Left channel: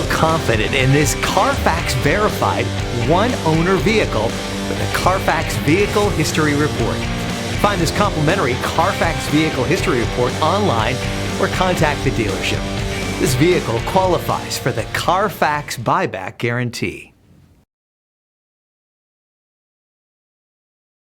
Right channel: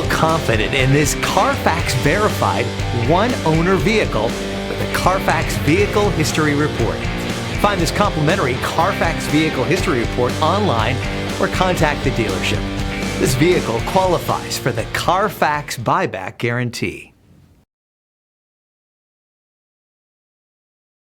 Feel confident in this CARFAX verified one-owner vehicle with a CARFAX Vehicle History Report. Find this complimentary CARFAX Vehicle History Report online or contact the dealership. This vehicle qualifies for the CARFAX buyback guarantee.